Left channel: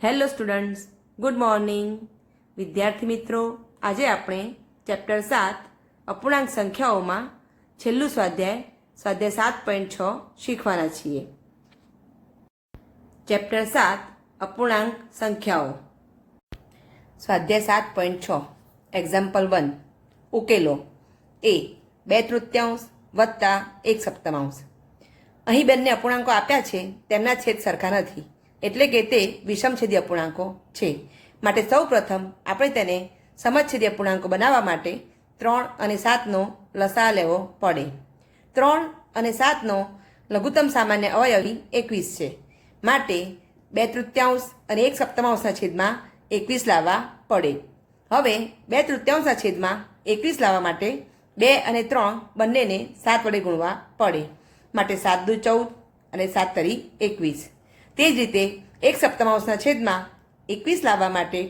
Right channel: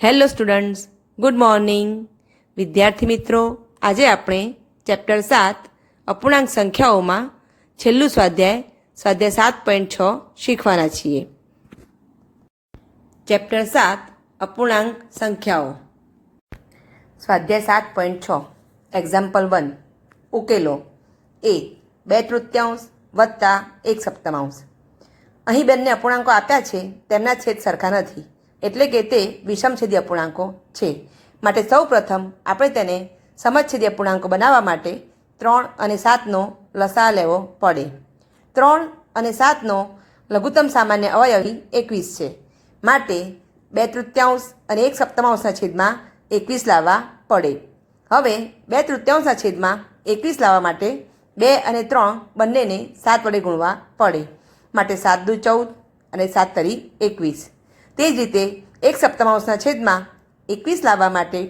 Hello students, good morning. વિદ્યાર્થી મિત્રો, આજે આપણે ચેપ્ટર 7 અપૂર્ણાંક સંખ્યાઓમાં છેલ્લું સ્વાધ્યાય 7.6 શીખવાના છીએ. ચેપ્ટર 7 અપૂર્ણાંક સંખ્યાઓ. સ્વાધ્યાય 7.6 એક્ઝામ્પલ 1. ઉકેલો. A 2/3 વત્તા 1/7. અહીં બંને અપૂર્ણાંકો આપ્યા છે, તેમના છેદ સરખા નથી, એટલે કે તે વિષમછેદી અપૂર્ણાંકો છે. માટે સૌ પ્રથમ આપણે તેને સમછેદી અપૂર્ણાંકો બનાવવા માટે 3 અને 7નો લસા લેવો પડે. 3 અને 7નો લઘુત્તમ સામાન્ય અવયવી 21 છે. માટે 2/3 અને 1/7ના છેદમાં 21 લાવવા પડે. હવે 2/3ના છેદમાં 21 લાવવા માટે 2 અને 3 બંનેને 7 વડે ગુણવા પડે. માટે 7 દુ 14 અને 7 તરી 21. તે જ રીતે 1/7ના છેદમાં 21 લાવવા માટે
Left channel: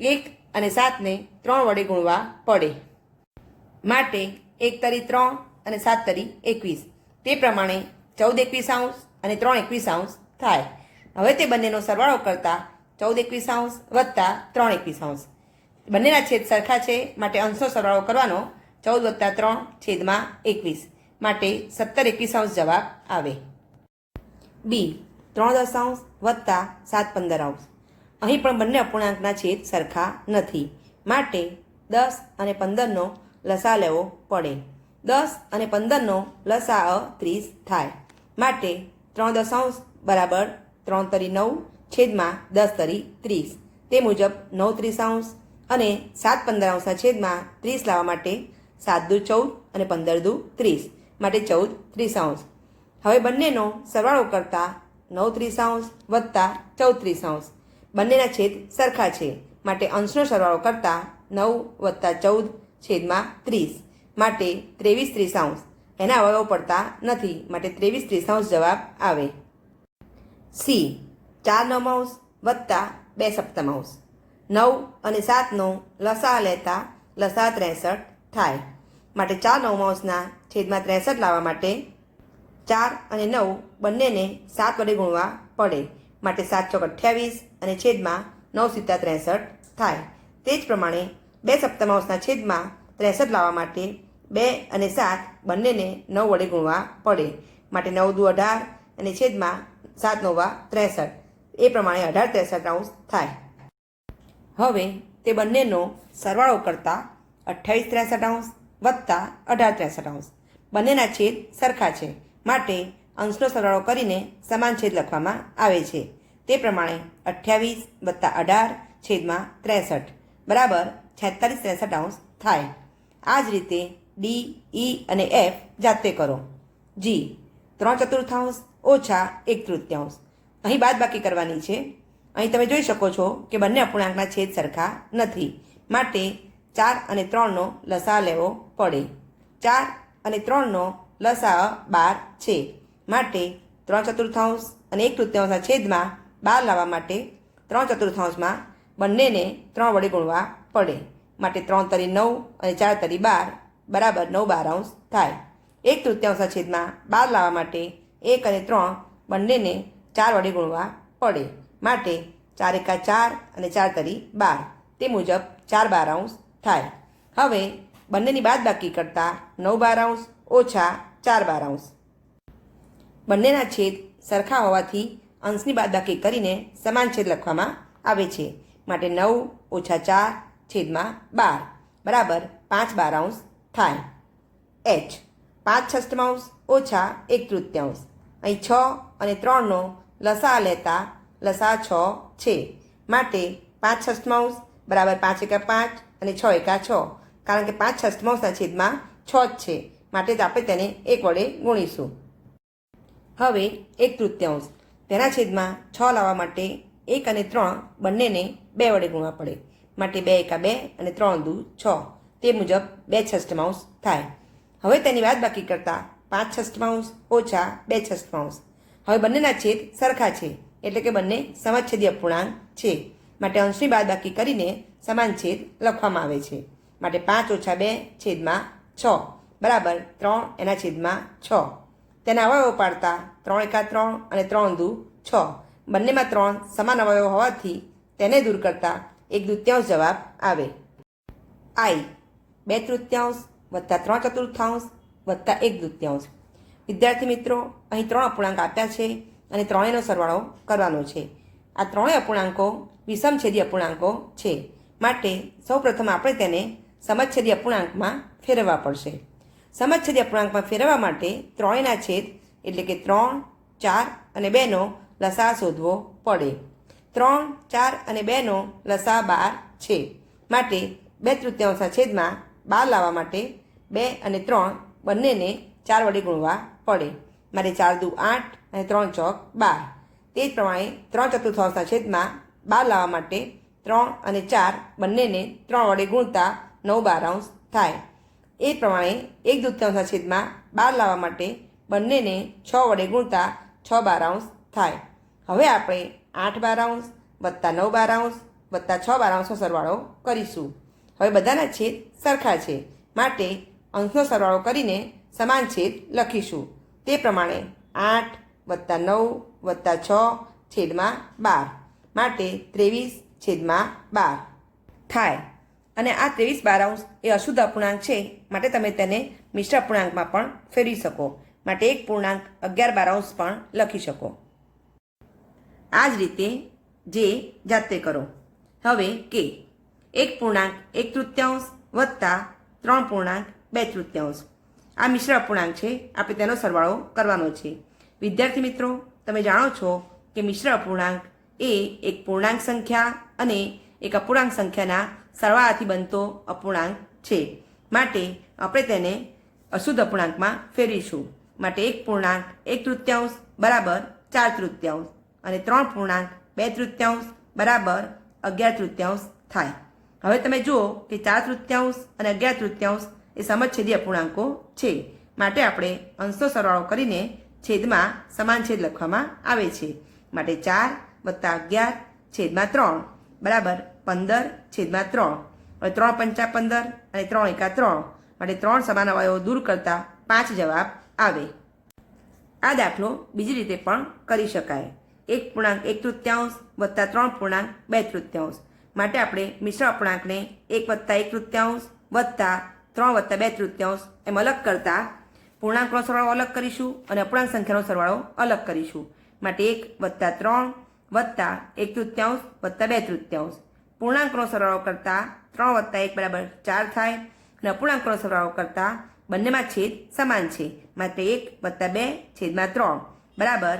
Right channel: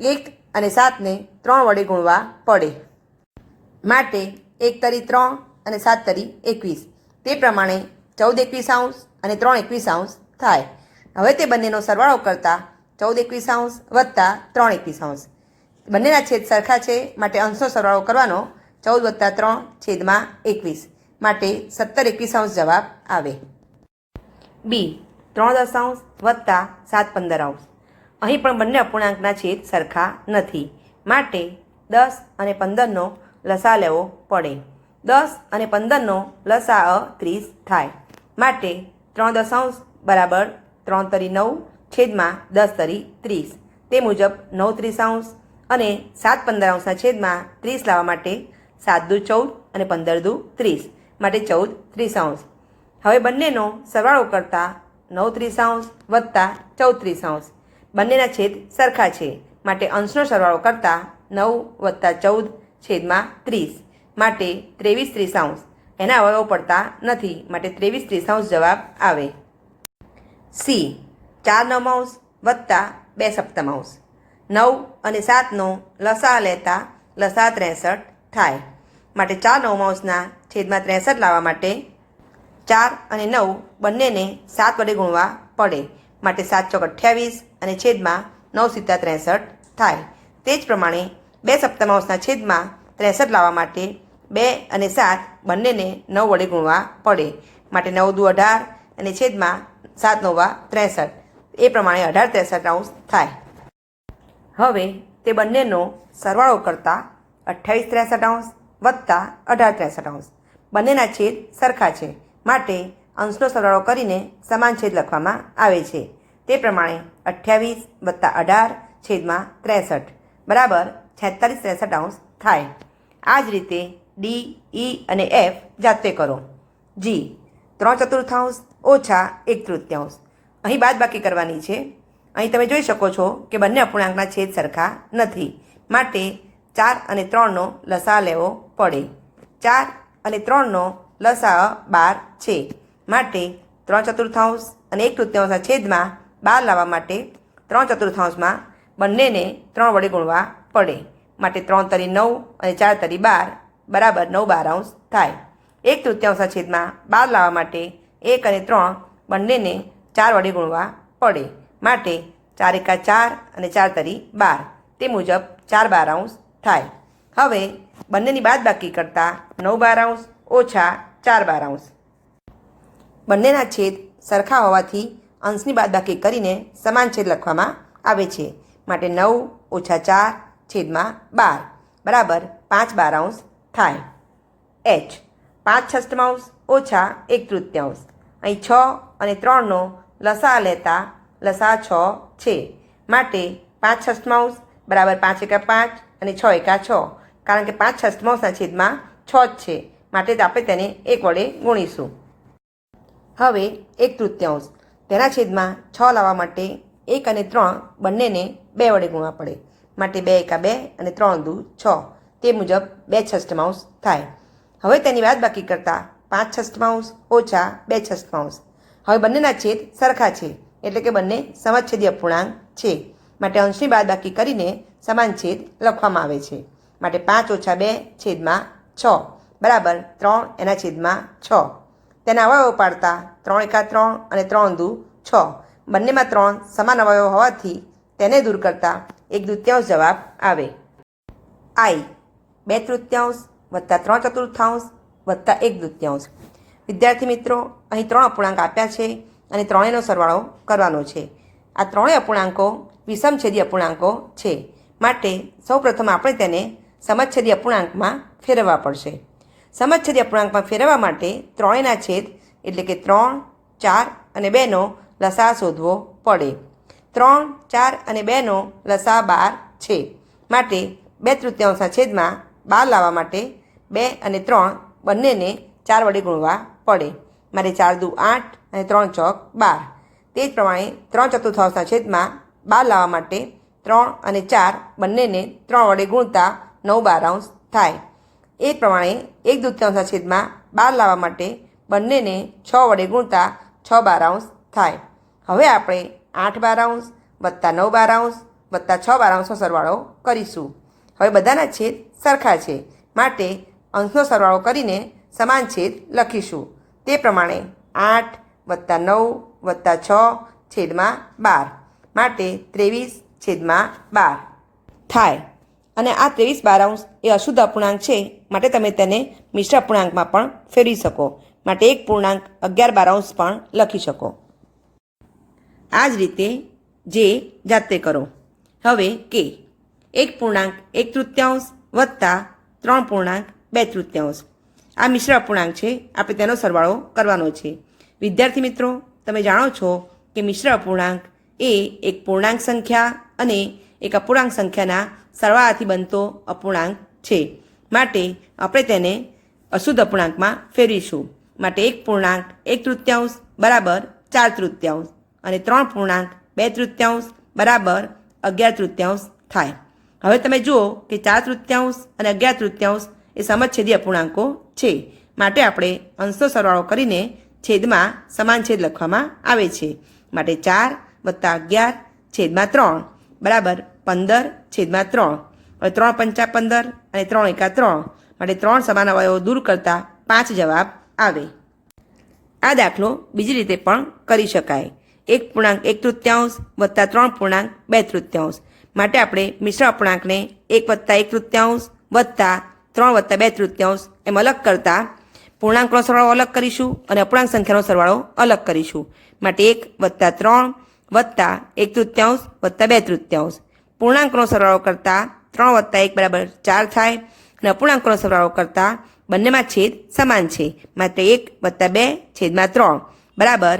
1 અને 7ને 3 વડે ગુણવા પડે. માટે 1 તરી 3 અને 7 તરી 21. તે પ્રમાણે 14 21 અને 3 21 થાય. હવે તે બંનેનો સરવાળો કરતાં 14 21 વત્તા 3 21. બંનેના છેદ સરખા છે, માટે અંશનો સરવાળો કરવાનો. 14 + 3 છેદમાં 21. માટે 17 21 જવાબ આવે. બી 3 વત્તા 7 15. અહીં પણ બંને અપૂર્ણાંકના છેદ સરખા નથી, માટે 10 અને 15નો લસા લેવો પડે. 10 અને 15નો લસા 30 થાય. માટે 3 બરાબર 3 તરી 9 છેદમાં 10 તરી 30. તે મુજબ 9 30 અને 7 15ના છેદમાં 30 લાવવા માટે 7 દુ 14 અને 15 દુ 30. માટે 14 30. હવે બંનેનો સરવાળો કરતાં 9 30 વત્તા 14 30. બંનેના છેદ સરખા છે, માટે અંશનો સરવાળો કરતાં 9 વત્તા 14 છેદમાં 30. માટે 23 30. એના અવયવો પડતા નથી, માટે 23 30 જવાબ આવે. સી 4 9 વત્તા 2/7. 9 અને 7નો લસા લેતા લસા 63 થાય. માટે 4 9 છેદમાં 63 લાવવા માટે 4 અને 9 બંનેને 7 વડે ગુણવા પડે. માટે 7 ચોક 28 અને છેદમાં 9 સીધા 63 થાય. તે જ પ્રમાણે 2/7ના છેદમાં 63 લાવવા માટે 2 અને 7 બંનેને 9 વડે ગુણવા પડે. માટે 9 દુ 18 અને છેદમાં 7 9 63. એ પ્રમાણે 18 63 થાય. હવે તે બંનેનો સરવાળો કરતાં 28 63 વત્તા 18 63. બંનેના છેદ સરખા છે, માટે અંશનો સરવાળો કરીને સમાન છેદ લખવામાં આવે છે. તે પ્રમાણે 28 વત્તા 18 છેદમાં 63 બરાબર 46 63 થાય. આ જ રીતે ડી, ઈ અને એફ જાતે કરો. જી 3/4 ઓછા 1/3. અહીં બાદબાકી કરવાની છે. અહીં તમે જોઈ શકો છો કે બંને અપૂર્ણાંકના છેદ સરખા નથી, માટે 4 અને 3નો લસા લેવો પડે. 4 અને 3નો લસા 12 છે. માટે 3/4 અને 1/3 છેદમાં 12 લાવવા માટે 3/4 બંનેને 3 વડે ગુણવા પડે. માટે 3 તરી 9 અને 4 તરી 12 બરાબર 9 12 થાય. 1/3 છેદમાં 12 લાવવા માટે 1 અને 3 બંનેને 4 વડે ગુણવા પડે. માટે 4 એકા 4 અને 4 તરી 12. તે મુજબ 4 12 થાય. હવે બંનેની બાદબાકી કરતાં 9 12 ઓછા 4 12. બંનેના છેદ સરખા હોવાથી અંશની બાદબાકી કરીને સમાન છેદ લખવામાં આવે છે. માટે 9 ઓછા 4 છેદમાં 12 બરાબર 5 12 થાય. એચ 5/6 ઓછા 1/3. અહીં 6 અને 3નો લસા લેતા લસા 6 છે. માટે 5/6 બરાબર 5 એકા 5 અને 6 એકા 6. કારણ કે 5/6ના છેદમાં 6 જ છે, માટે આપણે તેને 1 વડે ગુણીશું. હવે 1/3 તેના છેદમાં 6 લાવવા માટે 1 અને 3 બંનેને 2 વડે ગુણવા પડે. માટે 2 એકા 2 અને 3 દુ 6. તે મુજબ 2/6 થાય. હવે તેની બાદબાકી કરતાં 5/6 ઓછા 2/6. હવે બંનેના છેદ સરખા છે, એટલે કે બંને સમછેદી અપૂર્ણાંક છે. માટે અંશની બાદબાકી કરીને સમાન છેદ લખવામાં આવે છે. માટે 5 ઓછા 2 છેદમાં 6 બરાબર 3 એના છેદમાં 6. તેના અવયવો પાડતા 3 એકા 3 અને 3 દુ 6. બંનેમાં 3 સમાન અવયવો હોવાથી તેને દૂર કરતાં 1/2 જવાબ આવે. આઈ 2/3 વત્તા 3/4 વત્તા 1/2. વિદ્યાર્થી મિત્રો, અહીં 3 અપૂર્ણાંક આપ્યા છે અને ત્રણેયનો સરવાળો કરવાનો છે. આ ત્રણેય અપૂર્ણાંકો વિષમછેદી અપૂર્ણાંકો છે, માટે સૌપ્રથમ આપણે તેને સમછેદી અપૂર્ણાંકમાં ફેરવવા પડશે. સમછેદી અપૂર્ણાંકમાં ફેરવવા માટે ત્રણેયના છેદ એટલે કે 3, 4 અને 2નો લસા શોધવો પડે. 3, 4 અને 2નો લસા 12 છે, માટે 2/3 છેદમાં 12 લાવવા માટે 2 અને 3 બંનેને 4 વડે ગુણવા પડે. મારે 4 દુ 8 અને 3 ચોક 12. તે જ પ્રમાણે 3/4 છેદમાં 12 લાવવા માટે 3 અને 4 બંનેને 3 વડે ગુણતા 9/12 થાય. એ પ્રમાણે 1/2 છેદમાં 12 લાવવા માટે બંનેને 6 વડે ગુણતા 6/12 થાય. હવે આપણે 8/12 વત્તા 9/12 વત્તા 6/12નો સરવાળો કરીશું. હવે બધાના છેદ સરખા છે, માટે અંશનો સરવાળો કરીને સમાન છેદ લખીશું. તે પ્રમાણે 8 વત્તા 9 વત્તા 6 છેદમાં 12, માટે 23/12 થાય. અને આ 23/12 એ અશુદ્ધ અપૂર્ણાંક છે, માટે તમે તેને મિશ્ર અપૂર્ણાંકમાં પણ ફેરવી શકો, માટે 1.11/12 પણ લખી શકો. આ જ રીતે જે જાતે કરો. હવે કે 1.1/3 વત્તા 3.2/3 આ મિશ્ર અપૂર્ણાંક છે, આપણે તેનો સરવાળો કરવાનો છે. વિદ્યાર્થી મિત્રો, તમે જાણો છો કે મિશ્ર અપૂર્ણાંક એ એક પૂર્ણાંક સંખ્યા અને એક અપૂર્ણાંક સંખ્યાના સરવાળાથી બનતો અપૂર્ણાંક છે, માટે આપણે તેને અશુદ્ધ અપૂર્ણાંકમાં ફેરવીશું. માટે 1.1/3 બરાબર 4/3 અને 3.2/3 બરાબર 11/3 થાય. હવે તમે જુઓ કે 4/3 અને 11/3 એ સમછેદી અપૂર્ણાંકો છે, માટે આપણે અંશનો સરવાળો કરીને છેદમાં સમાન છેદ લખવામાં આવે છે. માટે 4 વત્તા 11 છેદમાં 3 બરાબર 15/3. હવે 3 પંચા 15 અને 3 એકા 3, માટે 3 સમાન અવયવો દૂર કરતાં 5 જવાબ આવે. આ દાખલો બીજી રીતે પણ કરી શકાય. 1.1/3 વત્તા 3.2/3, માટે આપણે મિશ્ર અપૂર્ણાંકને 1 વત્તા 1/3 વત્તા 3 વત્તા 2/3 એમ અલગ કરતાં પૂર્ણાંકનો સરવાળો અલગ કરીશું અને અપૂર્ણાંક સંખ્યાનો સરવાળો અલગ કરીશું. માટે 1 વત્તા 3 વત્તા 1/3 વત્તા 2/3. પૂર્ણાંકનો સરવાળો કરતાં 3 વત્તા 1 બરાબર 4 થાય, અને અપૂર્ણાંકનો સરવાળો કરતાં બંનેમાં છેદ સમાન છે, માટે 1 વત્તા 2/3 બરાબર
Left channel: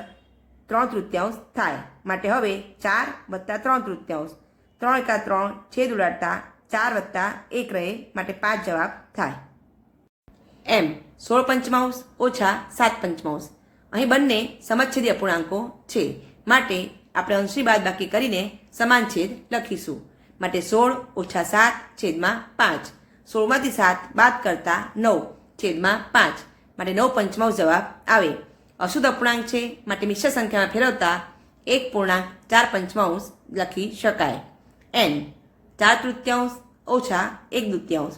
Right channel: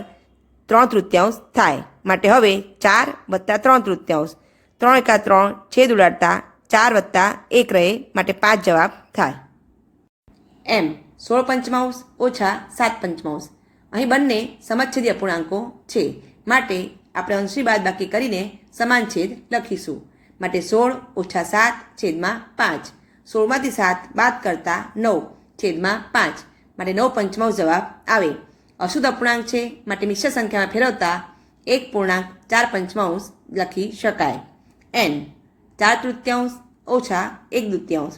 3/3 થાય. માટે હવે 4 વત્તા 3/3, 3 એકા 3 છેદ ઉડાડતા 4 વત્તા 1 રહે, માટે 5 જવાબ થાય. એમ 16/5 ઓછા 7/5. અહીં બંને સમછેદી અપૂર્ણાંકો છે, માટે આપણે અંશની બાદબાકી કરીને સમાન છેદ લખીશું. માટે 16 ઓછા 7 છેદમાં 5. 16માંથી 7 બાદ કરતાં 9 છેદમાં 5, માટે 9/5 જવાબ આવે. અશુદ્ધ અપૂર્ણાંક છે, માટે મિશ્ર સંખ્યામાં ફેરવતા 1.4/5 લખી શકાય. એન 4/3 ઓછા 1/2.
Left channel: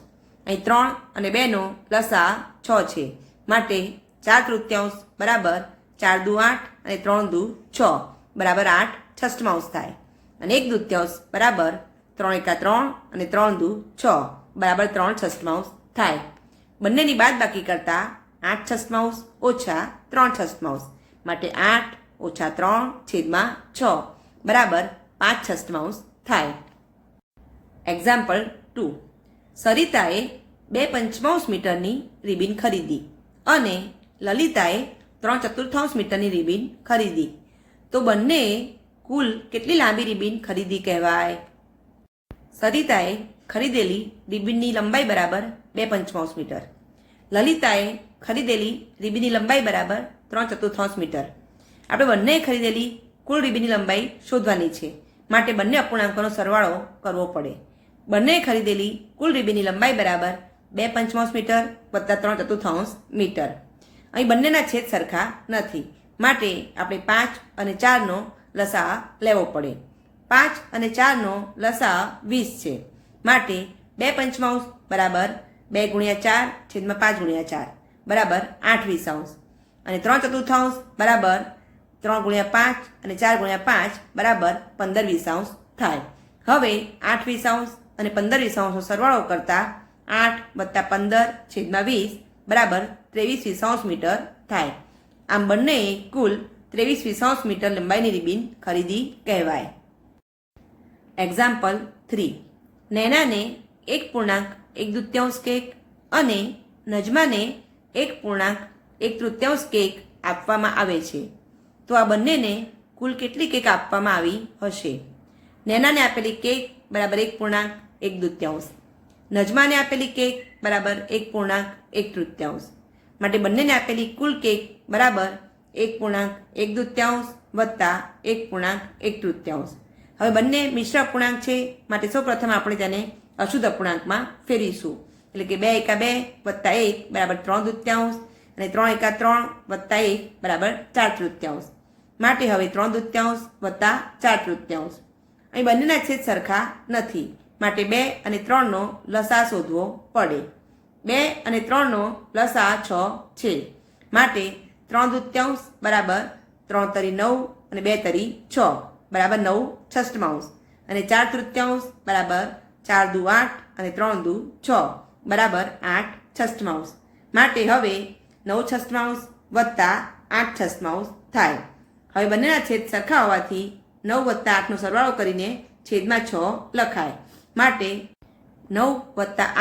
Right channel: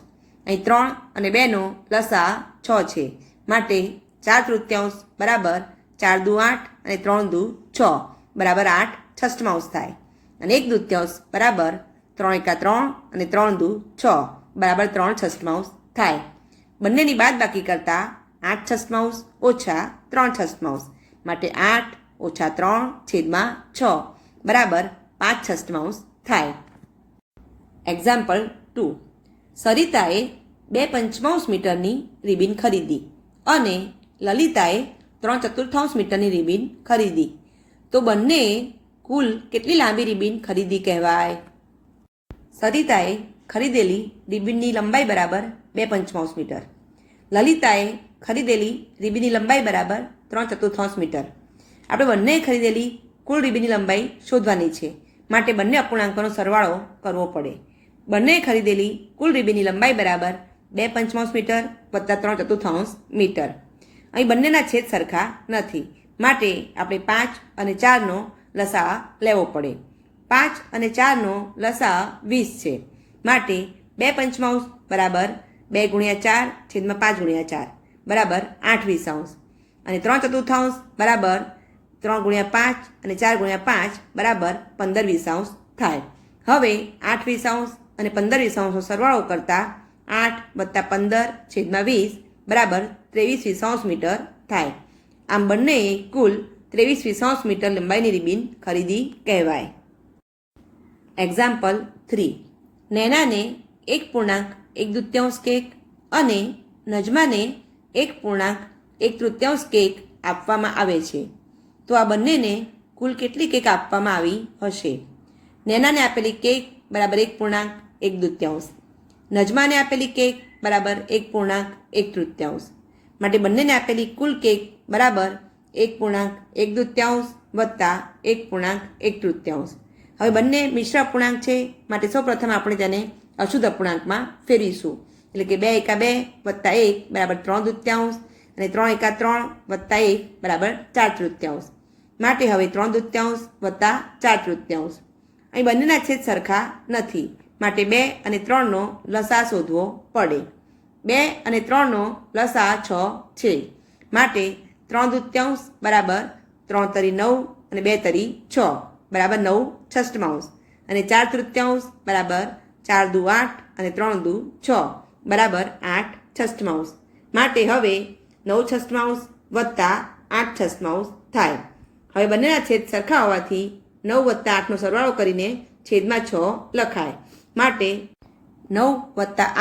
અહીં 3 અને 2નો લસા 6 છે, માટે 4/3 બરાબર 4 દુ 8 અને 3 દુ 6 બરાબર 8/6 થાય. અને 1/2 બરાબર 3 એકા 3 અને 3 દુ 6 બરાબર 3/6 થાય. બંનેની બાદબાકી કરતાં 8/6 ઓછા 3/6, માટે 8 ઓછા 3 છેદમાં 6 બરાબર 5/6 થાય. એક્ઝામ્પલ 2. સરિતાએ 2/5 મીટરની રિબીન ખરીદી અને લલિતાએ 3/4 મીટરની રિબીન ખરીદી, તો બંનેએ કુલ કેટલી લાંબી રિબીન ખરીદી કહેવાય? સરિતાએ ખરીદેલી રિબીનની લંબાઈ બરાબર 2/5 મીટર. લલિતાએ ખરીદેલી રિબીનની લંબાઈ બરાબર 3/4 મીટર. આપણે બંનેએ ખરીદેલી કુલ રિબીનની લંબાઈ શોધવાની છે, માટે બંને અપૂર્ણાંકોનો સરવાળો કરવો પડે. બંનેએ ખરીદેલી કુલ રિબીનની લંબાઈ બરાબર 2/5 મીટર વત્તા 3/4 મીટર. અહીં બંનેના છેદ સરખા નથી, માટે આપણે 5 અને 4નો લસા લેવો પડે. 5 અને 4નો લસા 20 છે, માટે 2/5 બરાબર 2 × 4 છેદમાં 5 × 4 બરાબર 8/20, અને 3/4 બરાબર 3 × 5 અને 4 × 5 બરાબર 15/20 થાય. હવે 8/20 અને 15/20નો સરવાળો કરતા 8 + 15/20 બરાબર 23/20 મીટર થાય. આમ બંનેએ કુલ 23/20 મીટર લંબાઈની રિબીન ખરીદી કહેવાય. એક્ઝામ્પલ 3. નૈનાને 1.1 કેક અને નજમાને 1.1 કેક આપવામાં આવે છે. તો આ બંનેને કુલ કેટલી કેક આપવામાં આવી હશે? નૈનાને આપેલી કેક બરાબર 1.1, નજમાને આપેલી કેક બરાબર 1.1 માટે બંનેને આપેલી કુલ કેક બરાબર 1.1 વત્તા 1.1. હવે બંને મિશ્ર અપૂર્ણાંક છે માટે સૌપ્રથમ આપણે તેને અશુદ્ધ અપૂર્ણાંકમાં ફેરવીશું. એટલે કે 2 × 2 વત્તા 1 બરાબર 3/2 અને 3 × 3 વત્તા 1 બરાબર 4/3. માટે હવે 3/2 વત્તા 4/3. અહીં બંનેના છેદ સરખા નથી માટે 2 અને 3નો લસા શોધવો પડે. 2 અને 3નો લસા 6 છે માટે 3/2 બરાબર 3 તરી 9 અને 2 તરી 6 બરાબર 9/6 અને 4/3 બરાબર 4 દુ 8 અને 3 દુ 6 બરાબર 8/6 માટે હવે 9/6 વત્તા 8/6 થાય. હવે બંનેના છેદ સરખા હોવાથી 9 + 8નો સરવાળો કરીને છેદમાં 6 લખાય. માટે 9 +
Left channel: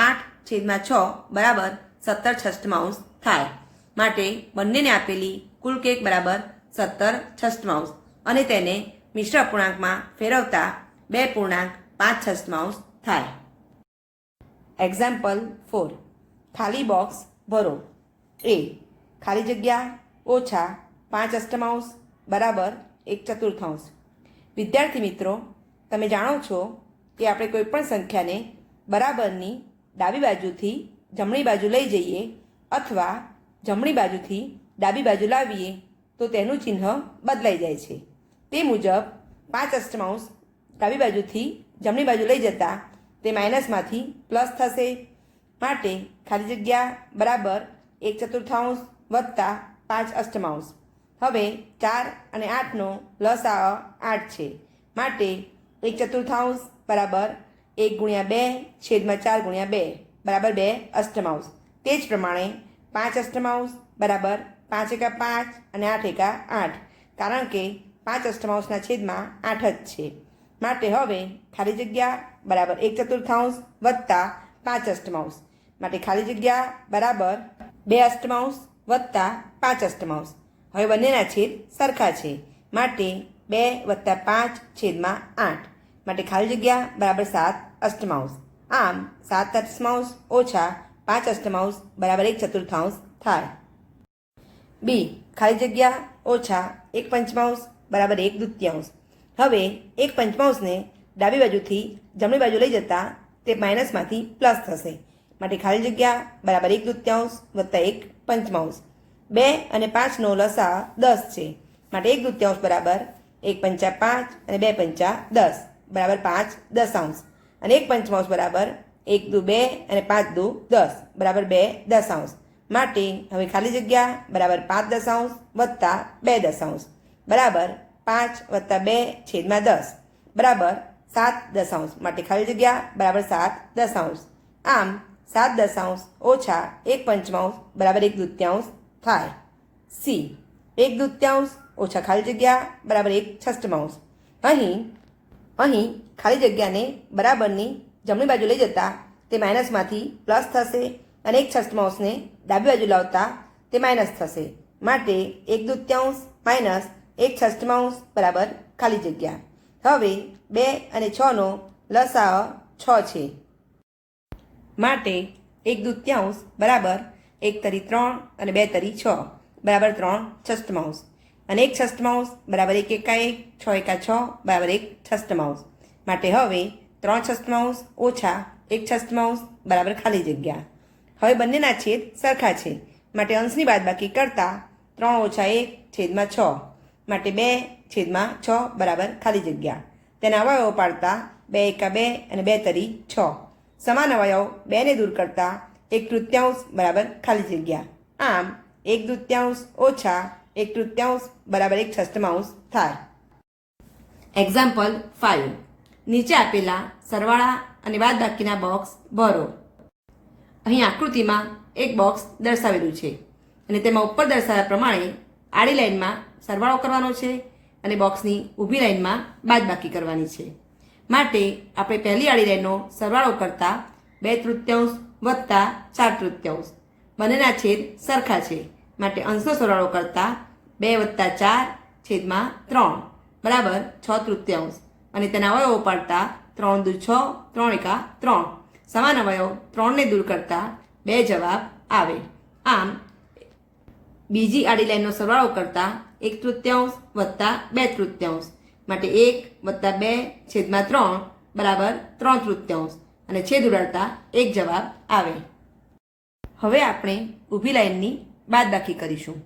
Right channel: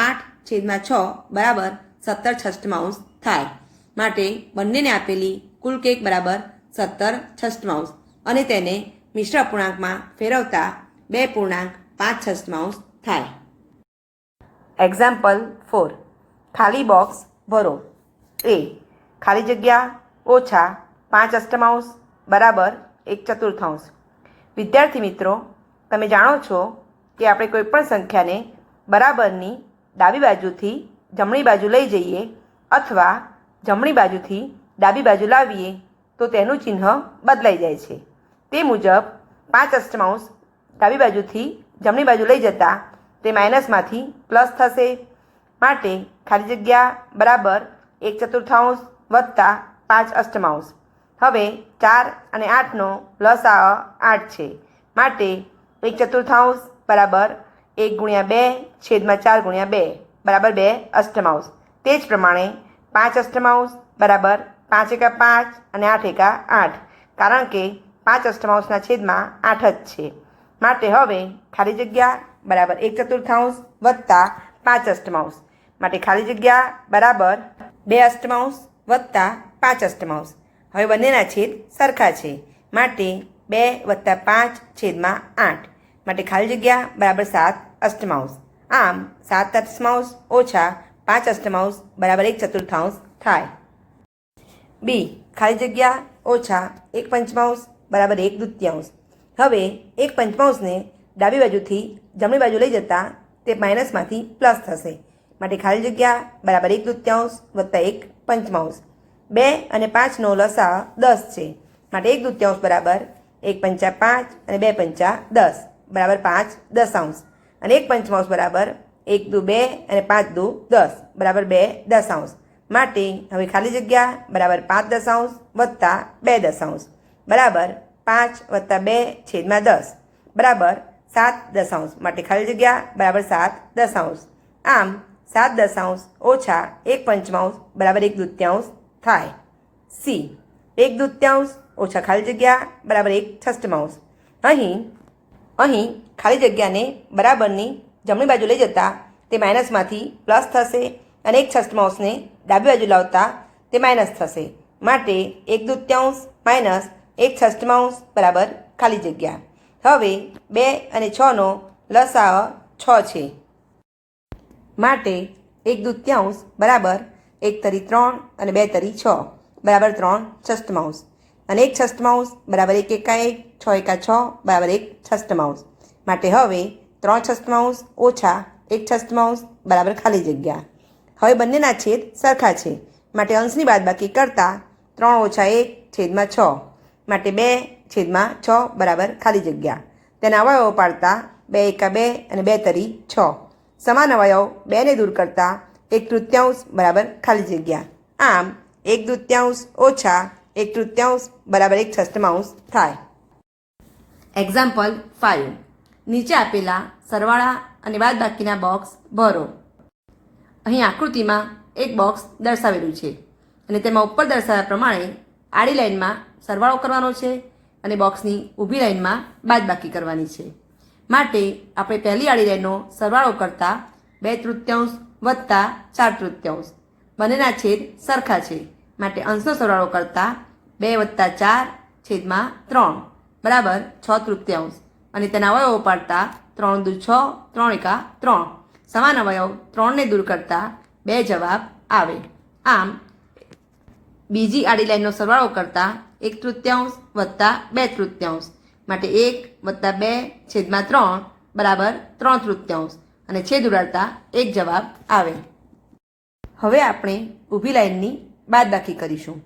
8/6 બરાબર 17/6 થાય. માટે બંનેને આપેલી કુલ કેક બરાબર 17/6 અને તેને મિશ્ર અપૂર્ણાંકમાં ફેરવતા 2.5 થાય. એક્ઝામ્પલ 4. ખાલી બોક્સ ભરો. A. ખાલી જગ્યા ઓછા 5/8 બરાબર 1/4. વિદ્યાર્થી મિત્રો, તમે જાણો છો કે આપણે કોઈપણ સંખ્યાને બરાબરની ડાબી બાજુથી જમણી બાજુ લઈ જઈએ અથવા જમણી બાજુથી ડાબી બાજુ લાવીએ તો તેનું ચિહ્ન બદલાઈ જાય છે. તે મુજબ 5/8 ડાબી બાજુથી જમણી બાજુ લઈ જતા તે માઇનસમાંથી પ્લસ થશે. માટે ખાલી જગ્યા બરાબર 1/4 વત્તા 5/8. હવે 4 અને 8નો લસાઅ 8 છે માટે 1/4 બરાબર 1 × 2/4 × 2 બરાબર 2/8. તે જ પ્રમાણે 5/8 બરાબર 5 × 5 અને 8 × 8 કારણ કે 5/8ના છેદમાં 8 જ છે. માટે હવે ખાલી જગ્યા બરાબર 1/4 વત્તા 5/8 માટે ખાલી જગ્યા બરાબર 2/8 વત્તા 5/8. હવે બંનેના છેદ સરખા છે માટે 2 + 5 છેદમાં 8 માટે ખાલી જગ્યા બરાબર 7/8. આમ 7/8 ઓછા 5/8 બરાબર 1/4 થાય. B. ખાલી જગ્યા ઓછા 1/5 બરાબર 1/2. હવે 1/5ને ડાબી બાજુથી જમણી બાજુ લઈ જતા તે માઇનસમાંથી પ્લસ થશે માટે ખાલી જગ્યા બરાબર 1/2 વત્તા 1/5. 2 અને 5નો લસા 10 છે માટે 1/2 બરાબર 1 × 5 અને 2 × 10 બરાબર 5/10 અને 1/5 બરાબર 1 દુ 2 અને 5 દુ 10 બરાબર 2/10. માટે હવે ખાલી જગ્યા બરાબર 5/10 વત્તા 2/10 બરાબર 5 + 2 છેદમાં 10 બરાબર 7/10 માટે ખાલી જગ્યા બરાબર 7/10. આમ 7/10 ઓછા 1/5 બરાબર 1/2 થાય. C. 1/2 ઓછા ખાલી જગ્યા બરાબર 1/6. અહીં ખાલી જગ્યાને બરાબરની જમણી બાજુ લઈ જતા તે માઇનસમાંથી પ્લસ થશે અને 1/6ને ડાબી બાજુ લાવતા તે માઇનસ થશે માટે 1/2 માઇનસ 1/6 બરાબર ખાલી જગ્યા. હવે 2 અને 6નો લસાઅ 6 છે માટે 1/2 બરાબર 1 તરી 3 અને 2 તરી 6 બરાબર 3/6 અને 1/6 બરાબર 1 × 1 6 × 6 બરાબર 1/6 માટે હવે 3/6 ઓછા 1/6 બરાબર ખાલી જગ્યા. હવે બંનેના છેદ સરખા છે માટે અંશની બાદબાકી કરતાં 3 - 1 છેદમાં 6 માટે 2/6 બરાબર ખાલી જગ્યા. તેના અવયવો પાડતા 2 × 2 અને 2 તરી 6 સમાન અવયવ 2ને દૂર કરતાં 1/3 બરાબર ખાલી જગ્યા. આમ 1/2 ઓછા 1/3 બરાબર 1/6 થાય. એક્ઝામ્પલ 5. નીચે આપેલા સરવાળા અને બાદબાકીના બોક્સ ભરો. અહીં આકૃતિમાં એક બોક્સ દર્શાવેલું છે અને તેમાં ઉપર દર્શાવ્યા પ્રમાણે આડી લાઈનમાં સરવાળો કરવાનો છે અને બોક્સની ઊભી લાઈનમાં બાદબાકી કરવાની છે. માટે આપણે પહેલી આડી લાઈનનો સરવાળો કરતા 2/3 વત્તા 4/3 બંનેના છેદ સરખા છે. માટે અંશનો સરવાળો કરતા 2 + 4 છેદમાં 3 બરાબર 6/3 અને તેના અવયવો પાડતા 3 દુ 6 3 એકા 3 સમાન અવયવ 3 ને દૂર કરતા 2 જવાબ આવે. આમ બીજી આડી લાઈનનો સરવાળો કરતા 1/3 વત્તા 2/3 માટે 1 વત્તા 2 છેદમાં 3 બરાબર 3/3 અને છેદ ઉડાડતા 1 જવાબ આવે. હવે આપણે ઊભી લાઈનની બાદબાકી કરીશું.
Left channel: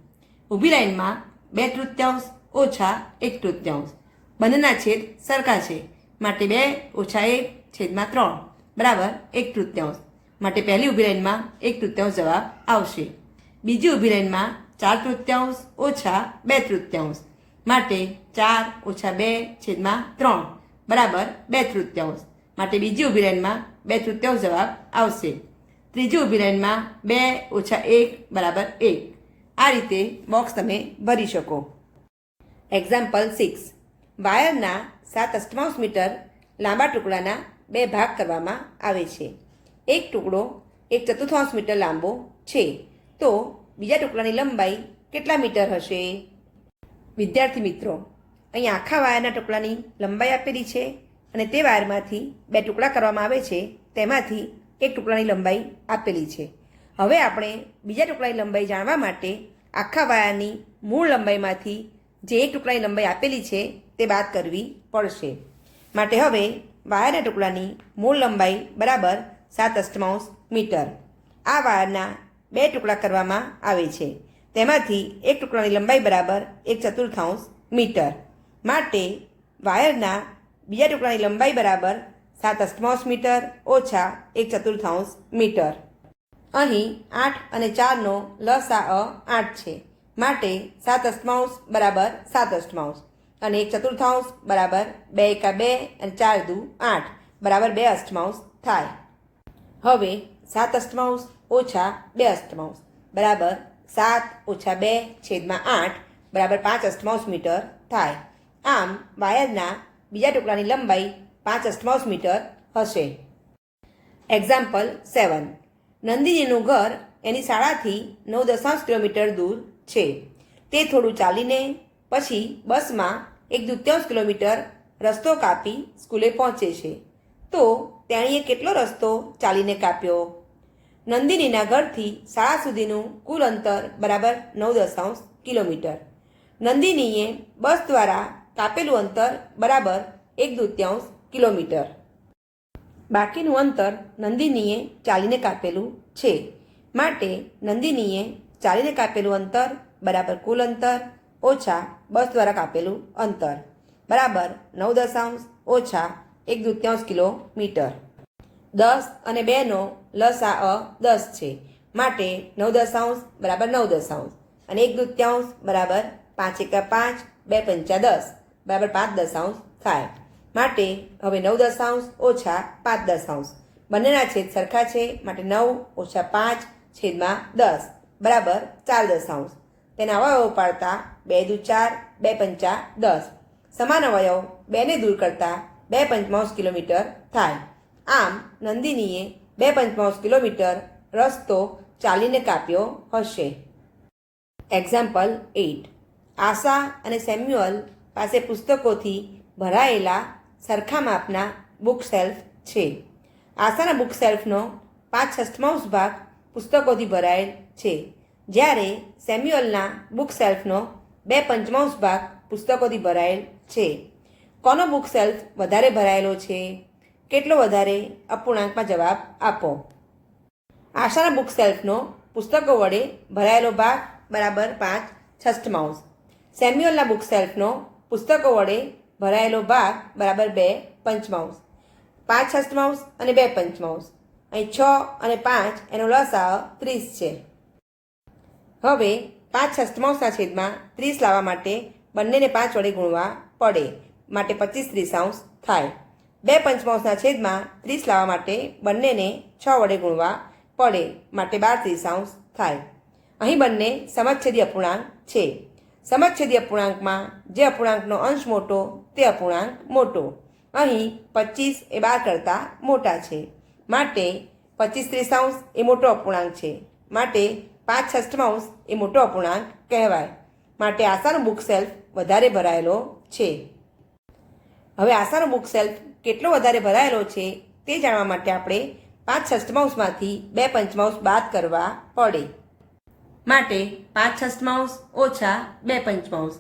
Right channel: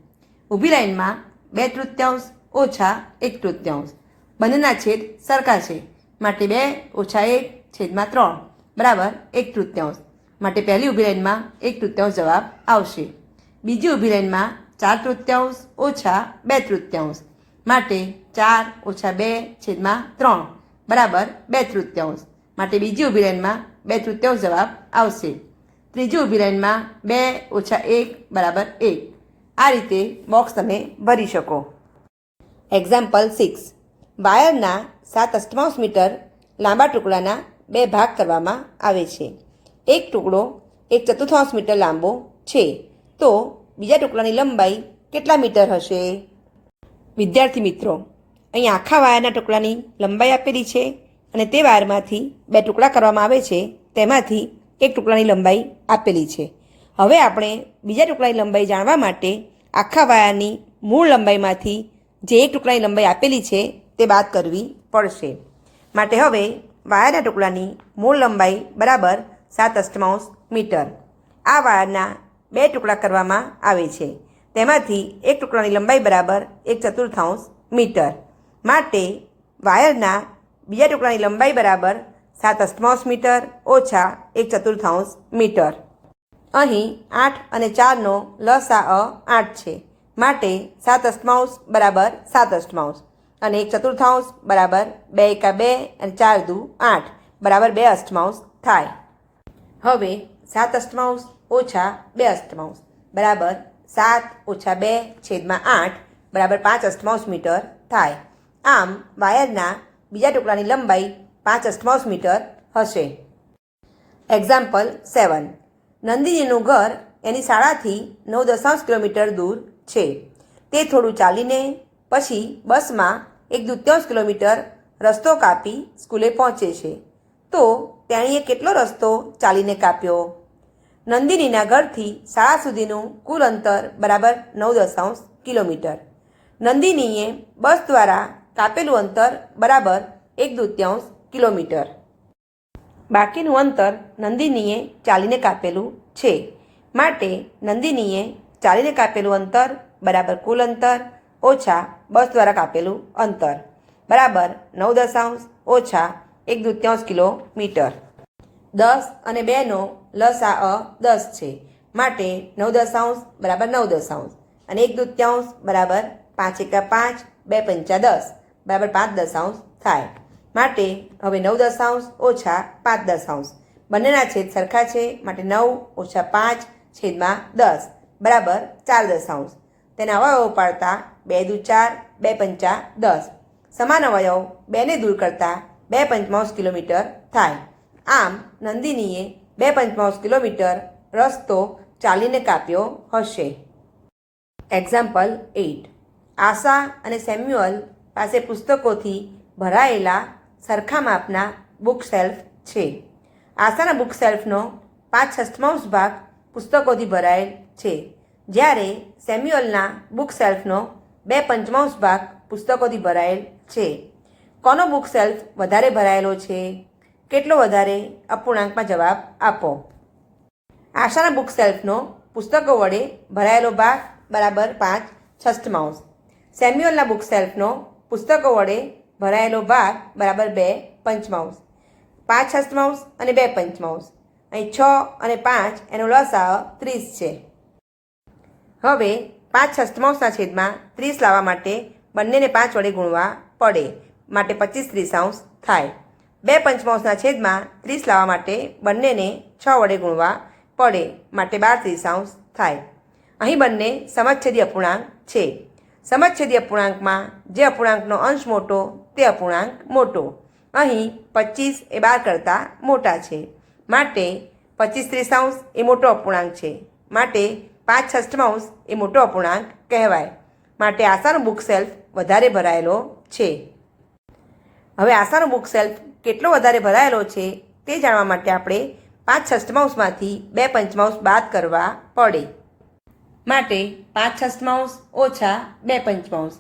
ઊભી લાઈનમાં 2/3 ઓછા 1/3 બંનેના છેદ સરખા છે. માટે 2 - 1 છેદમાં 3 બરાબર 1/3 માટે પહેલી ઊભી લાઈનમાં 1/3 જવાબ આવશે. બીજી ઊભી લાઈનમાં 4/3 ઓછા 2/3 માટે 4 - 2 છેદમાં 3 બરાબર 2/3 માટે બીજી ઊભી લાઈનમાં 2/3 જવાબ આવશે. ત્રીજી ઊભી લાઈનમાં 2 - 1 બરાબર 1. આ રીતે બોક્સ તમે ભરી શકો. એક્ઝામ્પલ 6. વાયરના 7/8 મીટર લાંબા ટુકડાના 2 ભાગ કરવામાં આવે છે. એક ટુકડો 1/4 મીટર લાંબો છે, તો બીજા ટુકડાની લંબાઈ કેટલા મીટર હશે? વિદ્યાર્થી મિત્રો, અહીં આખા વાયરના ટુકડાની લંબાઈ આપેલી છે અને તે વાયરમાંથી 2 ટુકડા કરવામાં આવે છે, તેમાંથી એક ટુકડાની લંબાઈ આપેલી છે. હવે આપણે બીજા ટુકડાની લંબાઈ જાણવા માટે આખા વાયરની મૂળ લંબાઈમાંથી જે એક ટુકડાની લંબાઈ આપેલી છે તે બાદ કરવી પડશે. માટે હવે વાયરના ટુકડાની મૂળ લંબાઈ બરાબર 7/8 મીટર. આ વાયરના 2 ટુકડા કરવામાં આવે છે, તેમાંથી એક ટુકડાની લંબાઈ બરાબર 1/4 મીટર. માટે વાયરના બીજા ટુકડાની લંબાઈ બરાબર 7/8 મીટર ઓછા 1/4 મીટર. અહીં 8 અને 4નો લસાઅ 8 છે. માટે 7/8 બરાબર 7/8 અને 1/4 બરાબર 2 એકા 2 અને 4 દુ 8 બરાબર 2/8 થાય. હવે 7/8 ઓછા 2/8 બરાબર 7 - 2 છેદમાં 8 બરાબર 5/8 મીટર થાય. આમ વાયરના બીજા ટુકડાની લંબાઈ 5/8 મીટર હશે. એક્ઝામ્પલ 7. નંદિનીનું ઘર એની શાળાથી 9.5 કિલોમીટર દૂર છે. તે થોડું ચાલીને પછી બસમાં 1/2 કિલોમીટર રસ્તો કાપી સ્કૂલે પહોંચે છે. તો તેણીએ કેટલો રસ્તો ચાલીને કાપ્યો? નંદિનીના ઘરથી શાળા સુધીનું કુલ અંતર બરાબર 9.5 કિલોમીટર. નંદિનીએ બસ દ્વારા કાપેલું અંતર બરાબર 1/2 કિલોમીટર. બાકીનું અંતર નંદિનીએ ચાલીને કાપેલું છે. માટે નંદિનીએ ચાલીને કાપેલું અંતર બરાબર કુલ અંતર ઓછા બસ દ્વારા કાપેલું અંતર બરાબર 9 ઓછા 1/2 કિલોમીટર. 10 અને 2નો લસાઅ 10 છે. માટે 9 બરાબર 9 અને 1/2 બરાબર 5 એકા 5 2 પંચા 10 બરાબર 5 થાય. માટે હવે 9 ઓછા 5 બંનેના છેદ સરખા છે. માટે 9 ઓછા 5 છેદમાં 10 બરાબર 4 તેના અવયવો પાડતા 2 દુ 4 2 પંચા 10 સમાન અવયવ 2 ને દૂર કરતા 2/5 કિલોમીટર થાય. આમ નંદિનીએ 2/5 કિલોમીટર રસ્તો ચાલીને કાપ્યો હશે. એક્ઝામ્પલ 8. આશા અને સેમ્યુઅલ પાસે પુસ્તકોથી ભરાયેલા સરખા માપના બુક શેલ્ફ છે. આશાના બુક શેલ્ફનો 5/6 ભાગ પુસ્તકોથી ભરાયેલ છે, જ્યારે સેમ્યુઅલના બુક શેલ્ફનો 2/5 ભાગ પુસ્તકોથી ભરાયેલ છે. કોનો બુક શેલ્ફ વધારે ભરાયેલો છે? કેટલો વધારે? અપૂર્ણાંકમાં જવાબ આપો. આશાના બુક શેલ્ફનો પુસ્તકો વડે ભરાયેલો ભાગ બરાબર 5/6. સેમ્યુઅલના બુક શેલ્ફનો પુસ્તકો વડે ભરાયેલો ભાગ બરાબર 2/5. 5/6 અને 2/5. અહીં 6 અને 5 એનો લસાઅ 30 છે. હવે 5/6 છેદમાં 30 લાવવા માટે બંનેને 5 વડે ગુણવા પડે. માટે 25/30 થાય. 2/5 છેદમાં 30 લાવવા માટે બંનેને 6 વડે ગુણવા પડે, માટે 12/30 થાય. અહીં બંને સમછેદી અપૂર્ણાંક છે. સમછેદી અપૂર્ણાંકમાં જે અપૂર્ણાંકનો અંશ મોટો તે અપૂર્ણાંક મોટો. અહીં 25 એ 12 કરતાં મોટા છે, માટે 25/30 એ મોટો અપૂર્ણાંક છે, માટે 5/6 એ મોટો અપૂર્ણાંક કહેવાય. માટે આશાનો બુક સેલ્ફ વધારે ભરાયેલો છે. હવે આશાનો બુક સેલ્ફ કેટલો વધારે ભરાયેલો છે તે જાણવા માટે આપણે 5/6માંથી 2/5 બાદ કરવા પડે. માટે 5/6 ઓછા 2/5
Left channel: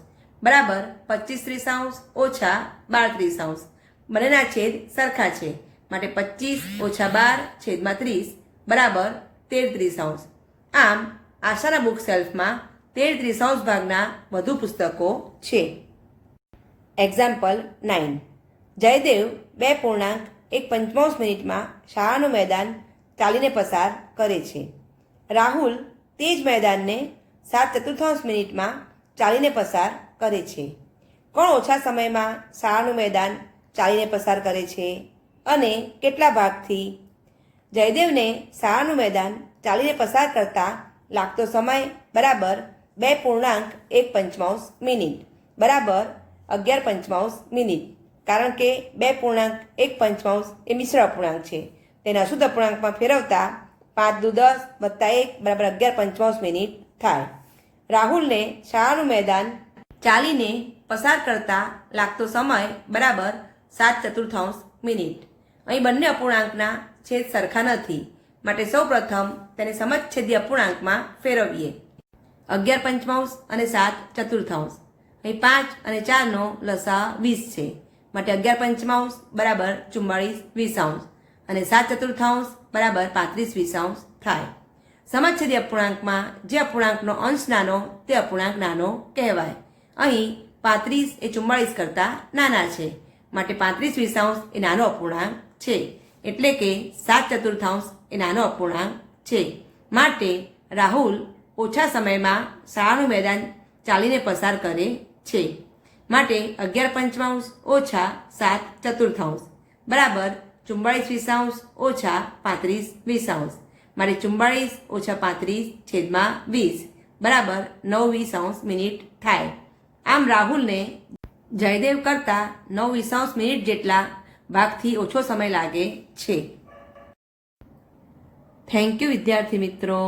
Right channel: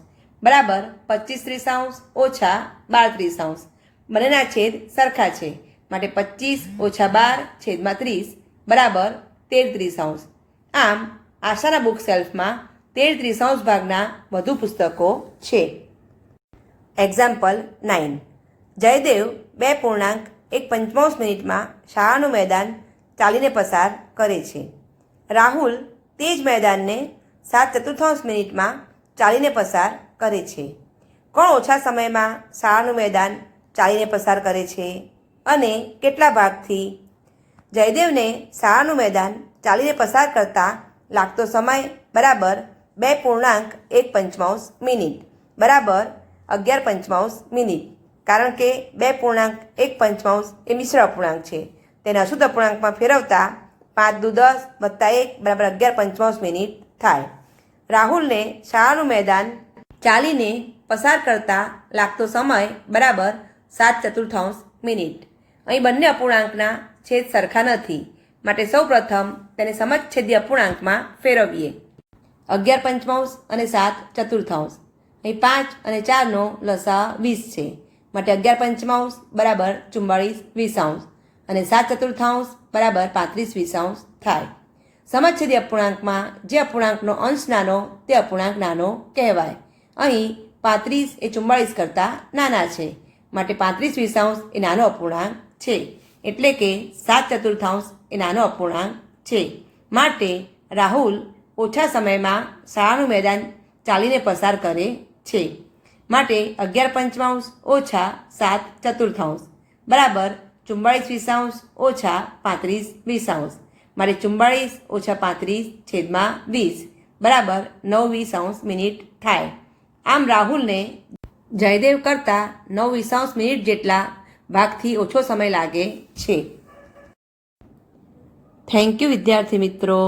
બરાબર 25/30 ઓછા 12/30. બંનેના છેદ સરખા છે, માટે 25 ઓછા 12/30 બરાબર 13/30. આમ આશાના બુક સેલ્ફમાં 13/30 ભાગના વધુ પુસ્તકો છે. એક્ઝામ્પલ 9. જયદેવ 2.1 મિનિટમાં શાળાનું મેદાન ચાલીને પસાર કરે છે. રાહુલ તે જ મેદાનને 7/4 મિનિટમાં ચાલીને પસાર કરે છે. કોણ ઓછા સમયમાં શાળાનું મેદાન ચાલીને પસાર કરે છે અને કેટલા ભાગથી? જયદેવને શાળાનું મેદાન ચાલીને પસાર કરતાં લાગતો સમય બરાબર 2.1 મિનિટ બરાબર 11/5 મિનિટ. કારણ કે 2.1 એ મિશ્ર અપૂર્ણાંક છે, તેને અશુદ્ધ અપૂર્ણાંકમાં ફેરવતા 5 × 10 + 1 બરાબર 11/5 મિનિટ થાય. રાહુલને શાળાનું મેદાન ચાલીને પસાર કરતાં લાગતો સમય બરાબર 7/4 મિનિટ. અહીં બંને અપૂર્ણાંકના છેદ સરખા નથી, માટે સૌપ્રથમ તેને સમછેદી અપૂર્ણાંકમાં ફેરવીએ. 11/5 અને 7/4. અહીં 5 અને 4નો લસા 20 છે, માટે 11/5 બરાબર 44/20 અને 7/4 બરાબર 35/20 થાય. સમછેદી અપૂર્ણાંકમાં જે અપૂર્ણાંકનો અંશ નાનો તે અપૂર્ણાંક નાનો કહેવાય. અહીં 35 એ 44 કરતાં નાના છે, માટે 35/20 એ નાનો અપૂર્ણાંક છે, એટલે કે 7/4 એ નાનો અપૂર્ણાંક છે. માટે રાહુલ ઓછા સમયમાં શાળાનું મેદાન ચાલીને પસાર કરે છે. માટે 11/5 ઓછા 7/4 બરાબર 44/20 ઓછા 35/20. માટે 44 ઓછા 35/20 બરાબર 9/20 મિનિટ થાય. આમ રાહુલને જયદેવ કરતાં 9/20 મિનિટ જેટલા ભાગથી ઓછો સમય લાગે છે. થેન્ક યુ વિદ્યાર્થી મિત્રો.